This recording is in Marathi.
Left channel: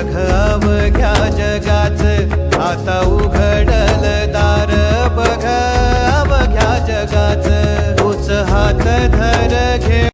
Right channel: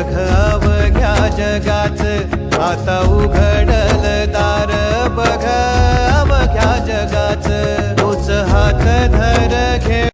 बघ अवघ्या जगाच. आता उघडल दार बघ अवघ्या जगाच. तूच हात धर घे